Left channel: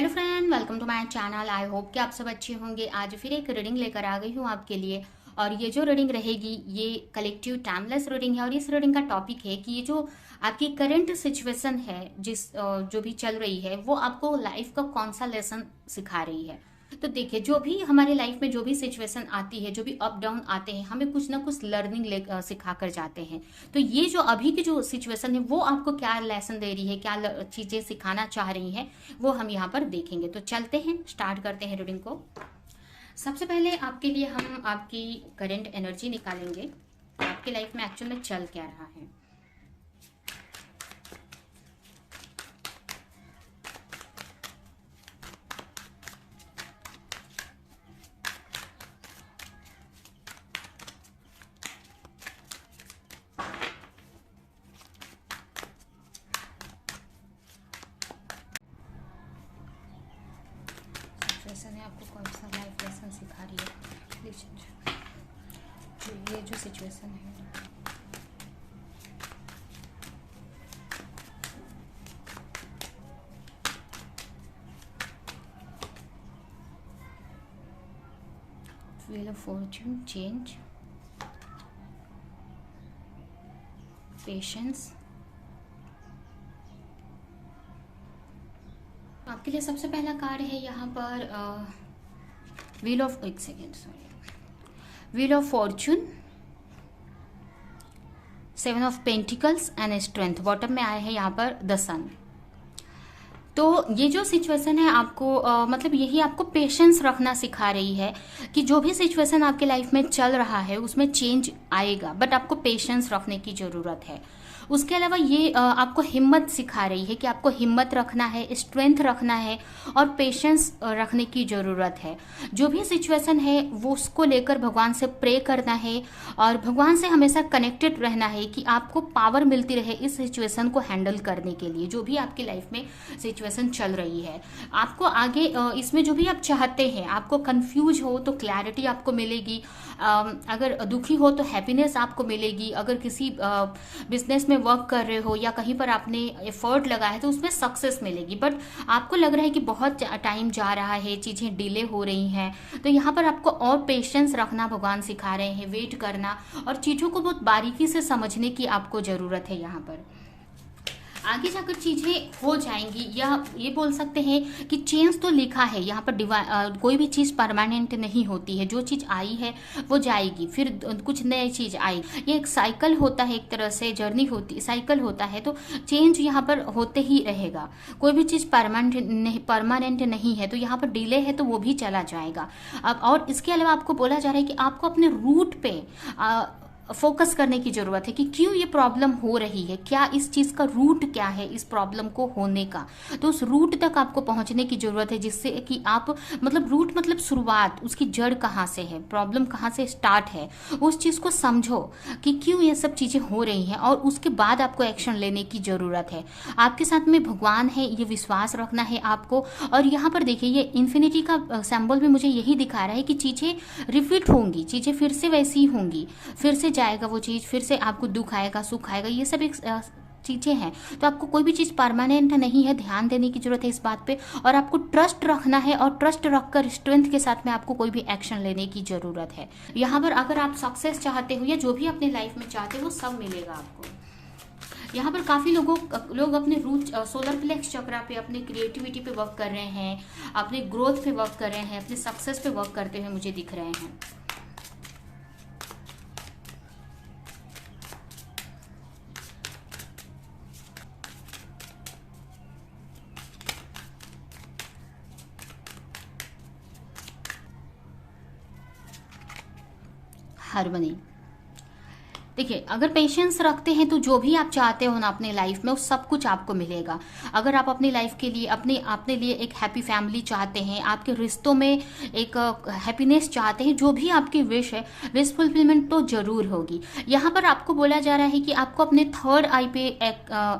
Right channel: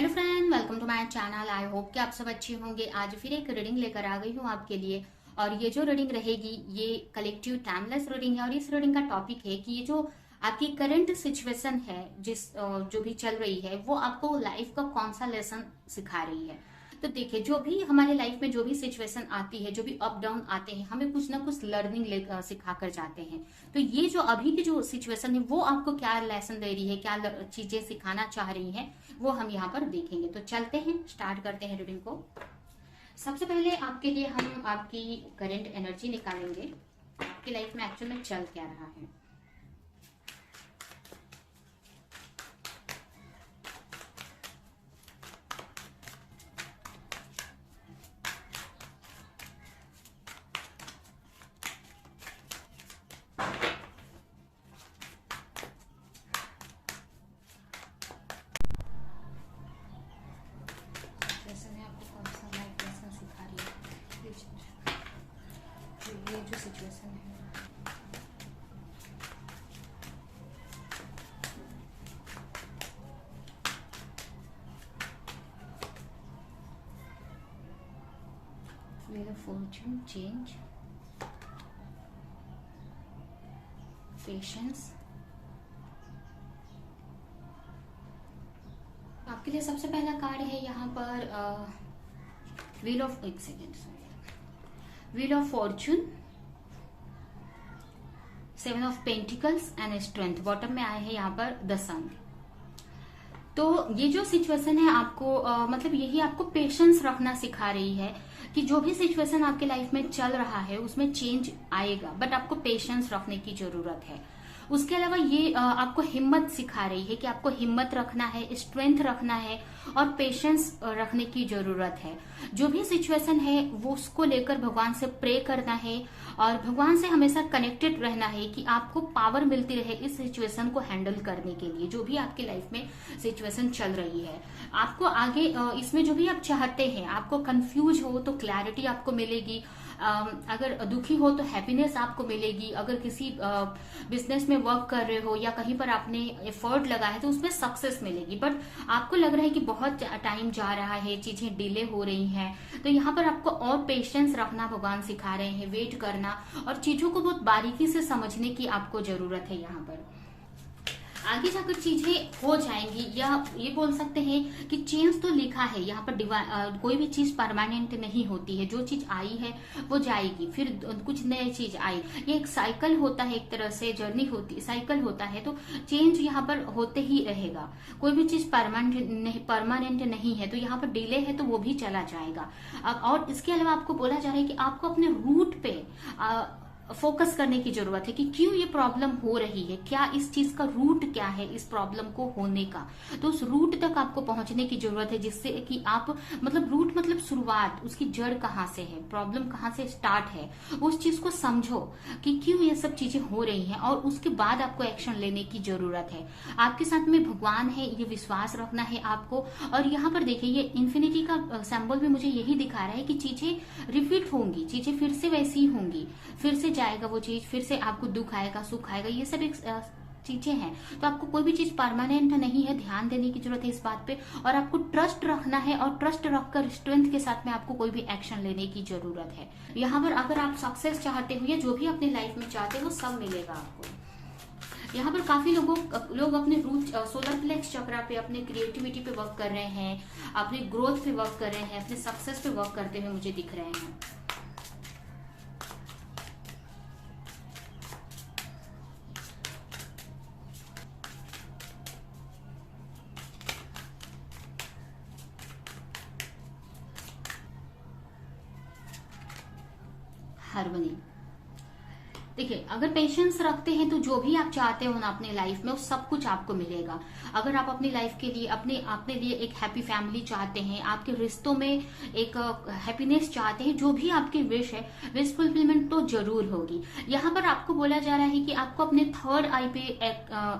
Hello friend, welcome to my channel. I hope कि आप सब अच्छे होंगे। आज फिर एक रीडिंग लेकर आ गई हूँ आपके लिए। और ये जो रीडिंग रहेगी ये कलेक्टिव टाइमलेस रीडिंग है। और इस रीडिंग का टॉपिक है कि ये जो आपकी करंट सिचुएशन है, जो भी चल रही है, वो आपको लाइफ का कौन सा लेसन सिखा रही है। तो देखिए, जो भी हमारे लाइफ में जो भी सिचुएशन आती है, जो भी अप डाउन आते हैं, हमें कुछ ना कुछ लर्निंग सिखा कर जाते हैं। तो ये जो अभी की जो सिचुएशन है वो आपको क्या लेसन दे रही है, क्या चीजें सिखाना चाह रही हैं, वो हम यहाँ पर देखेंगे। तो चलते हैं, स्टार्ट करते हैं रीडिंग को। सबसे पहले आपके लिए हम आपकी करंट एनर्जी निकालेंगे। आपकी लाइफ में एक्चुअल में चल क्या रहा है। सिचुएशन है, आपको कौन सा लाइफ लेसन सिखा रही है। ये जो सिचुएशन है, wheel of Fortune, change, patience. आपके लिए सबसे पहला कार्ड है यहाँ पर व्हील ऑफ, एक second sorry, wheel of Fortune, seven of pentacles and strength. Bottom में आया है यहाँ पर द सन। तो ये जो सिचुएशन है आपको मतलब यही आपको पेशेंस रखना सिखा रही है कि जो भी सिचुएशन आपके लाइफ में चल रहा है उसमें चेंज आएगा, बट आपको पेशेंस रखने की जरूरत है। उसके अलावा ये आपको हिम्मत सिखा रही है कि आपको हिम्मत रखना है, स्ट्रेंथ रखना है और पेशेंस रखने की जरूरत है। जो भी सिचुएशन है वो उसको लेकर भगवान से प्रे करना है और भगवान से हमेशा कनेक्टेड रहना है कि आपको पावर मिलती रहे इस सिचुएशन को हैंडल करने के लिए। जो भी आपकी लाइफ में सिचुएशन चल रही है, आपको आगे इसमें जो भी आप चाहते हैं, आपको कंफ्यूज हो तो क्लैरिटी आपको मिलेगी, अगर दुखी हो तो हैप्पीनेस आपको मिलेगी, अगर किसी बिजनेस में वर्क कर रहे हो या कहीं पर आपने एफर्ट लगाया है तो उसमें सक्सेस मिलेगी। बट आपको लग रहा है कि बहुत टाइम जा रहा है, चीजें डिले हो रही हैं, तो यहाँ पर आपको और पेशेंस रखना भगवान सिखा रहे हैं, वेट करना और चीजों को बहुत बारीकी से समझने की आपको जरूरत है। यहाँ पर आगे जाकर चीजें हो जाएंगी, या ये बोल सकते हैं कि चेंज तो लिखा है यहाँ पर। कोई भी चीज परमानेंट नहीं होती है। जो चीज आई है वो जाएगी, फिर कुछ नई चीज आई। ये एक साइकिल होता है, एक तरह से जर्नी होती, साइकिल होता है। तो चेंज यहाँ पर होते ही रहेगा। कोई भी चीज परमानेंट नहीं है। तो यहाँ पर डिले है तो वो भी चला जाएगा। अब और इसके अलावा आपको बोला जा रहा है कि आपको अपने रूट पे फोकस करने की जरूरत है कि क्यों ये प्रॉब्लम हो रही है, क्या इस चीज का रूट क्या है इस प्रॉब्लम को होने का। तो उस रूट तक आपको पहुंचने की जरूरत है, जिससे कि आप मतलब रूट मतलब शुरुआत, उसकी जड़ कहाँ से है, प्रॉब्लम कहाँ से स्टार्ट है, उस चीज को समझो कि क्यों ये सब चीजें हो रही हैं और उसके बाद आपको एक्शन लेने की जरूरत है। आपके साथ में भगवान है, ये विश्वास रखना है आपको। और यहाँ पर देखिए, ये इन्फिनिटी का सिंबल भी मुझे यही दिखा रहा है कि चीजें रिपीट होंगी, चीजें फिर से वैसी ही होंगी, फिर से जाएगा वो चीज, फिर से आपको दुख आएगा, सुख आएगा, ये सब एक चीजें हैं। तो आपको कोई भी चीज परमानेंट नहीं है, ध्यान देने की जरूरत है इस बात पे। और आपको ट्रस्ट रखना है और ट्रस्ट रखकर स्ट्रेंथ के साथ में आपको कोई भी एक्शन लेने की जरूरत है। यहाँ पर अगर आप सक्सेस चाहते हो या जो भी अपने लाइफ में चाहते हो, सब मिलेगा आपको। यहाँ पर काफी लोग अपने रूट सोलर प्लेक्स चक्रा पे, अपने क्रिएटिविटी पे वर्क कर रहे हैं, अपने ग्रोथ पे वर्क कर रहे हैं, अपने सक्सेस पे वर्क करते हुए मुझे दिख रहे हैं। हार्मनी। देखिए, अगर पेशेंस रखते हैं तो जो भी आप चाहते हो ना अपने लाइफ में, वो सब कुछ आपको मिलेगा। अगर आप अपनी लाइफ के लिए अपने लिए एक हैप्पी फैमिली चाहते हैं, आपके रिश्तों में एक हैप्पीनेस चाहते हैं, जो भी आपकी विश है, विश फुलफिलमेंट तो जरूर होगी। यहाँ पर आपको बोला जा रहा है कि आपको अपने थर्ड आई पे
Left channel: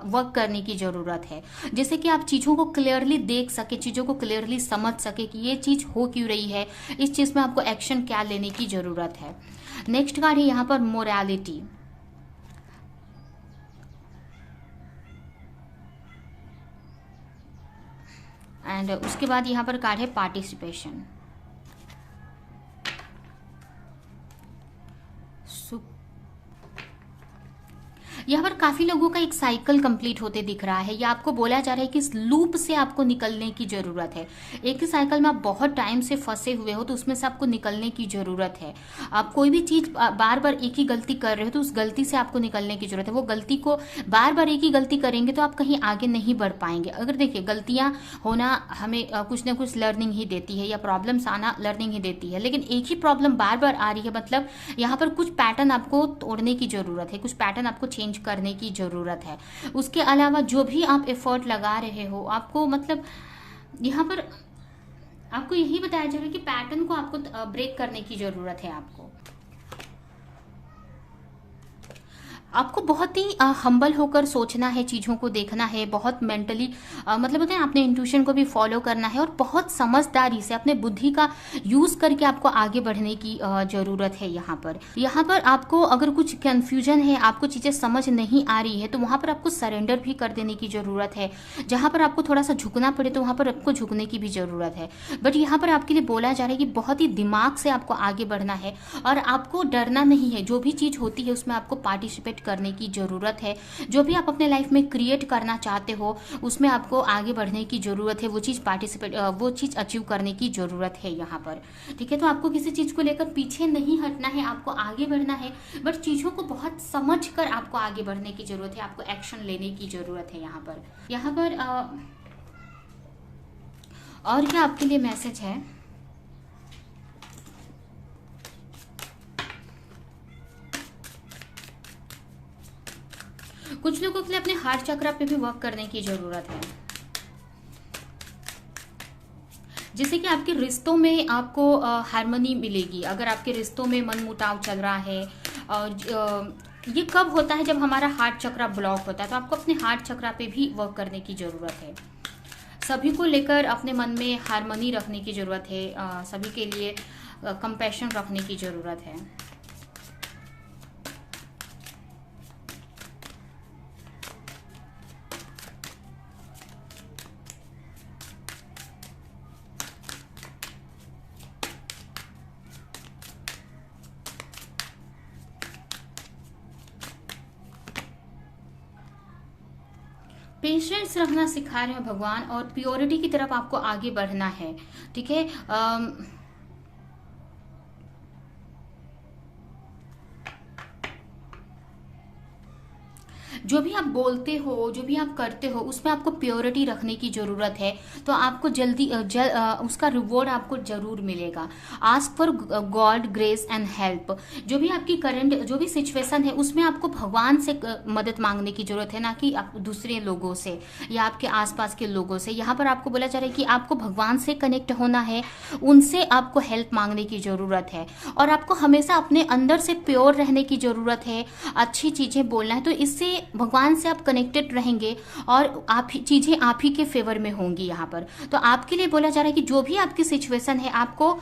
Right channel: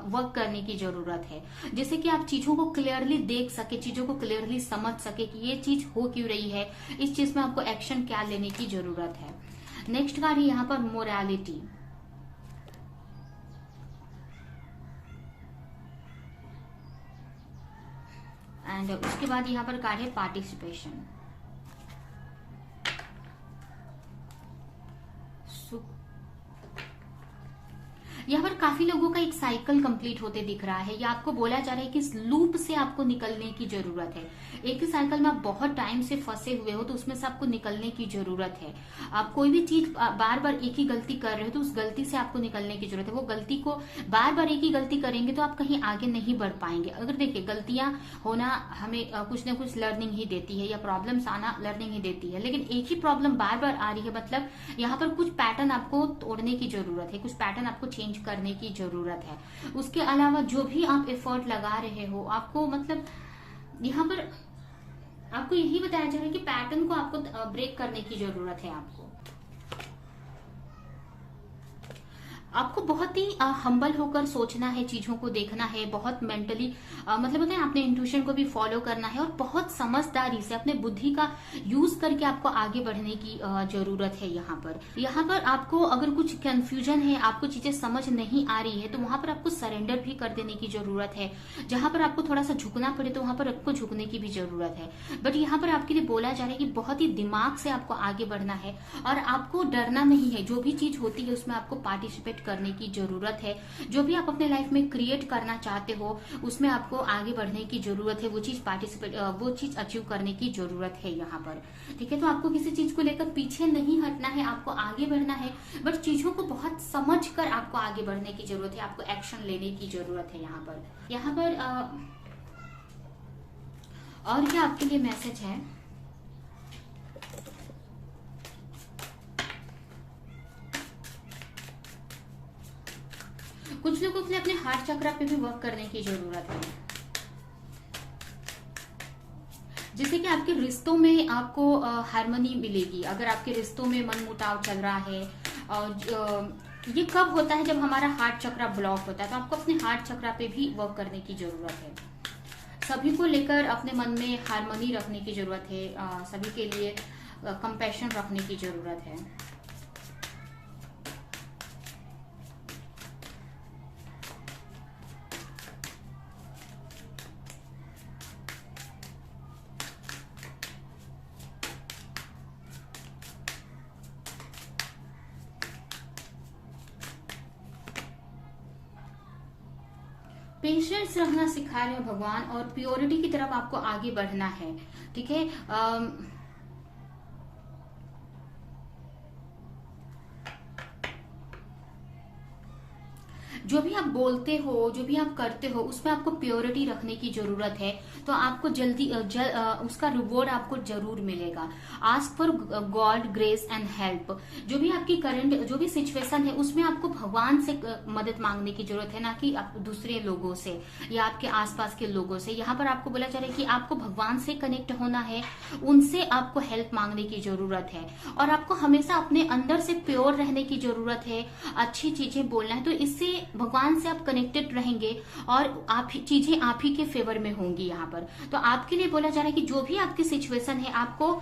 वर्क करने की जरूरत है, जैसे कि आप चीजों को क्लियरली देख सके, चीजों को क्लियरली समझ सके कि ये चीज हो क्यों रही है, इस चीज में आपको एक्शन क्या लेने की जरूरत है। नेक्स्ट कार्ड है यहाँ पर मोरालिटी। एंड उसके बाद यहाँ पर कार्ड है पार्टिसिपेशन। यहाँ पर काफी लोगों का एक साइकिल कंप्लीट होते दिख रहा है, या आपको बोला जा रहा है कि इस लूप से आपको निकलने की जरूरत है। एक ही साइकिल में आप बहुत टाइम से फंसे हुए हो, तो उसमें से आपको निकलने की जरूरत है। आप कोई भी चीज बार बार एक ही गलती कर रहे हो, तो उस गलती से आपको निकलने की जरूरत है। वो गलती को बार बार एक ही गलती करेंगे तो आप कहीं आगे नहीं बढ़ पाएंगे। अगर देखिए, गलतियां होना हमें कुछ ना कुछ लर्निंग ही देती है, या प्रॉब्लम्स आना लर्निंग ही देती है, लेकिन एक ही प्रॉब्लम बार बार आ रही है, मतलब यहाँ पर कुछ पैटर्न आपको तोड़ने की जरूरत है, कुछ पैटर्न आपको चेंज करने की जरूरत है। उसके अलावा जो भी आप एफर्ट लगा रहे हो, आपको मतलब यहाँ पर आपको यही बताया जा रहा है कि पैटर्न को आपको ब्रेक करने की जरूरत है। आपको बहुत ही हम्बल होकर सोचना है, चीजों को देखना है, बहुत मेंटली मतलब होता है अपने इंट्यूशन को भी फॉलो करना है, और बहुत समझदारी से अपने बुद्धि का यूज करके आपको आगे बढ़ने की जरूरत है। यहाँ पर आपको अगर कुछ कंफ्यूजन है, आपको चीजें समझ नहीं आ रही है, तो वहां पर आपको सरेंडर भी कर देने की जरूरत है। जहां पर आपको थोड़ा सा झुकना पड़े, तो वहां पर आपको झुकने की भी जरूरत है। बट यहाँ पर आपके लिए बोला जा रहा है कि बहुत ही दिमाग से आपको आगे बढ़ना है, और आपको डरना नहीं है। जो भी चीज होती है उसमें आपको पार्टिसिपेट करने की जरूरत है। जो भी आप अपने लाइफ में क्रिएट करना चाहते हो, उसमें आपको आगे बढ़ने की जरूरत है। वो चीज अचीव करने की जरूरत है यहाँ पर। ठीक है, तो आपको किसी चीज को लेकर पीछे नहीं हटना है, आपको आगे बढ़ना है। बट चीजों को बहुत समझ कर आपको आगे बढ़ने की जरूरत है, आपको एक्शन लेने की जरूरत है यहाँ पर। और क्या आपके लिए मैसेज है? कुछ लोगों के लिए अपने हार्ट चक्र पे भी वर्क करने की जरूरत है, जिससे कि आपके रिश्तों में आपको हार्मनी मिलेगी। अगर आपके रिश्तों में मनमुटाव चल रहा है, और ये कब होता है? जब हमारा हार्ट चक्र ब्लॉक होता है। तो आपको अपने हार्ट चक्र पे भी वर्क करने की जरूरत है। सभी को लेकर अपने मन में हार्मनी रखने की जरूरत है, सभी के लिए कंपैशन रखने की जरूरत है। पेशेंस रखना सिखा रहे हो भगवान, और प्योरिटी की तरफ आपको आगे बढ़ना है। ठीक है, जो भी आप बोलते हो, जो भी आप करते हो, उसमें आपको प्योरिटी रखने की जरूरत है। तो आपको उसका रिवॉर्ड आपको जरूर मिलेगा। Ask for God grace and help. जो भी आपकी करंट जो भी सिचुएशन है, उसमें आपको भगवान से मदद मांगने की जरूरत है, ना कि दूसरे लोगों से या आपके आसपास के लोगों से। यहाँ पर आपको बोला जा रहा है कि आपको भगवान से कनेक्ट होना है, उनसे आपको हेल्प मांगने की जरूरत है, और आपको हमेशा अपने अंदर से प्योर रहने की जरूरत है, अच्छी चीजें बोलना है। तो इससे भगवान से आप कनेक्टेड रहेंगे, और चीजें आप ही के फेवर में होंगी यहाँ पर। तो आपके लिए बोला जा रहा है कि जो भी आपकी सिचुएशन है, आपको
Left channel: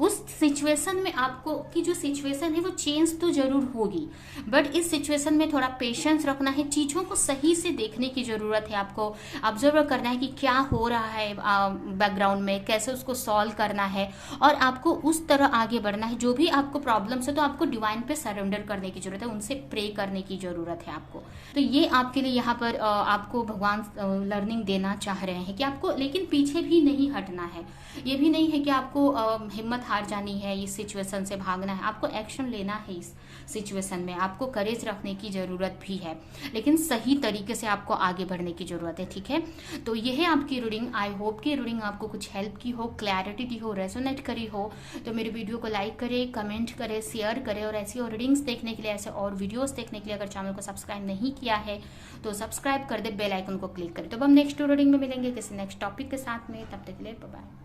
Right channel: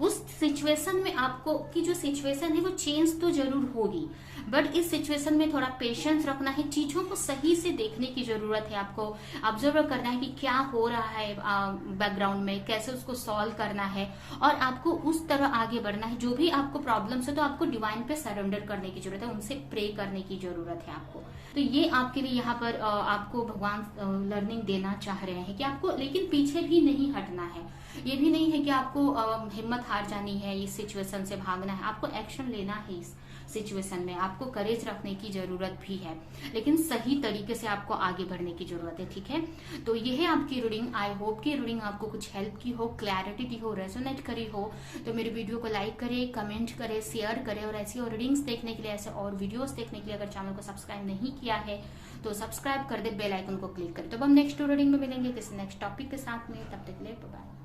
उस सिचुएशन में आपको की जो सिचुएशन है वो चेंज तो जरूर होगी, बट इस सिचुएशन में थोड़ा पेशेंस रखना है, चीजों को सही से देखने की जरूरत है। आपको ऑब्जर्व करना है कि क्या हो रहा है बैकग्राउंड में, कैसे उसको सॉल्व करना है, और आपको उस तरह आगे बढ़ना है। जो भी आपको प्रॉब्लम्स है, तो आपको डिवाइन पे सरेंडर करने की जरूरत है, उनसे प्रे करने की जरूरत है आपको। तो ये आपके लिए यहाँ पर आपको भगवान लर्निंग देना चाह रहे हैं कि आपको लेकिन पीछे भी नहीं हटना है। ये भी नहीं है कि आपको हिम्मत हार जानी है, इस सिचुएशन से भागना है। आपको एक्शन लेना है इस सिचुएशन में, आपको करेज रखने की जरूरत भी है, लेकिन सही तरीके से आपको आगे बढ़ने की जरूरत है। ठीक है, तो ये है आपकी रीडिंग। आई होप कि रीडिंग आपको कुछ हेल्प की हो, क्लैरिटी दी हो, रेजोनेट करी हो। तो मेरे वीडियो को लाइक करें, कमेंट करें, शेयर करें, और ऐसी और रीडिंग्स देखने के लिए, ऐसे और वीडियोस देखने के लिए अगर चैनल को सब्सक्राइब नहीं किया है तो सब्सक्राइब कर दे, बेल आइकन को क्लिक करें। तो अब हम नेक्स्ट रीडिंग में मिलेंगे किसी नेक्स्ट टॉपिक के साथ में। तब तक के लिए बाय बाय।